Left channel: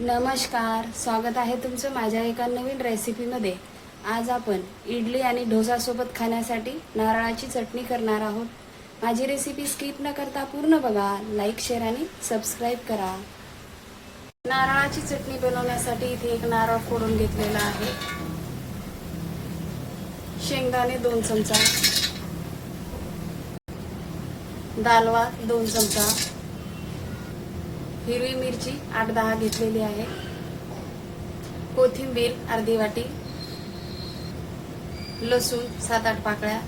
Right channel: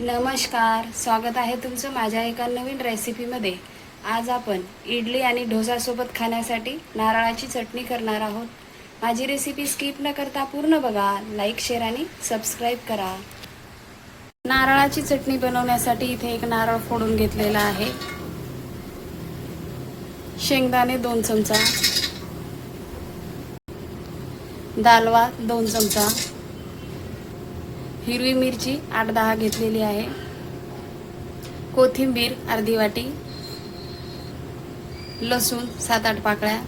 नमस्कार, स्वागत आहे तुमचं माझ्या एका नवीन रेसिपीमध्ये। आज आपण इडली आणि डोसासोबत खाण्यासाठी नारळाची चटणी करणार आहोत। माझी रेसिपी स्किप न करता पूर्ण बघा, लाईक, शेअर आणि सबस्क्राईब करा। नारळाची चटणी बनवण्यासाठी इथे एक नारळ फोडून घेतलेला आहे, शेंगदाणे 2 चमचा, दालवा 2 चमचा, हिरवी मिरची 8-10 घेतलेली आहे, कोथिंबीर अर्धी वाटी, लसूण 7-8 पाकळ्या,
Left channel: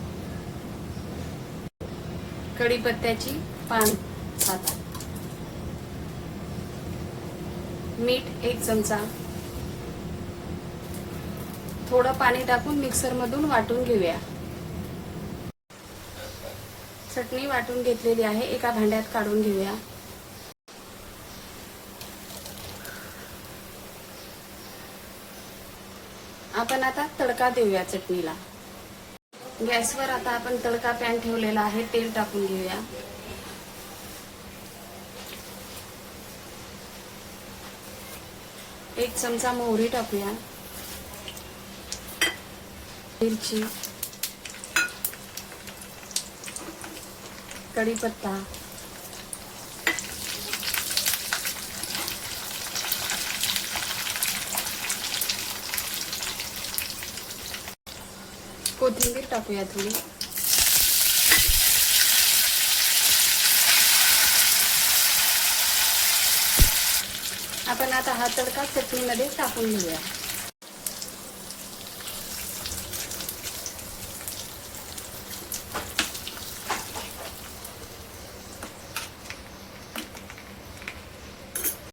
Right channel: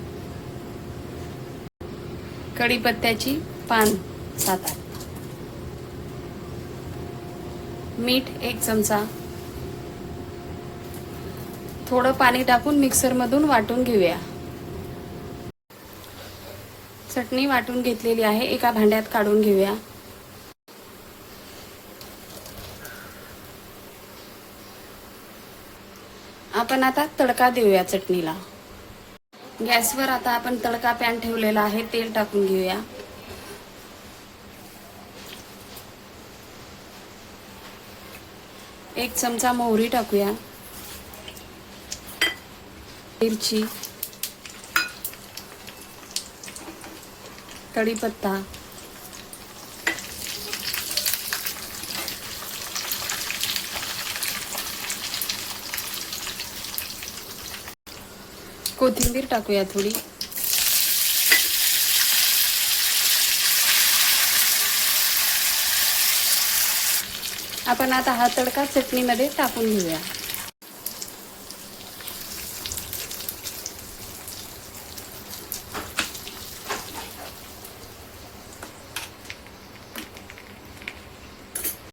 कढीपत्त्याची पान 7-8, मीठ 1 चमचा। थोडं पाणी टाकून मिक्सर मधून वाटून घेऊया। चटणी वाटून घेतलेली आहे, एका भांड्यात काढून घेऊया। आपण आता तडका देऊया चटणीला। गॅसवर आता आपण तडका पॅन ठेवलेला आहे, तेल टाकून घेऊया। एक चमचा मोहरी टाकूया, मिरची, कढीपत्ता, कोथिंबीर टाकूया थोडी। आपण आता हा तडका चटणीमध्ये टाकून घेऊया।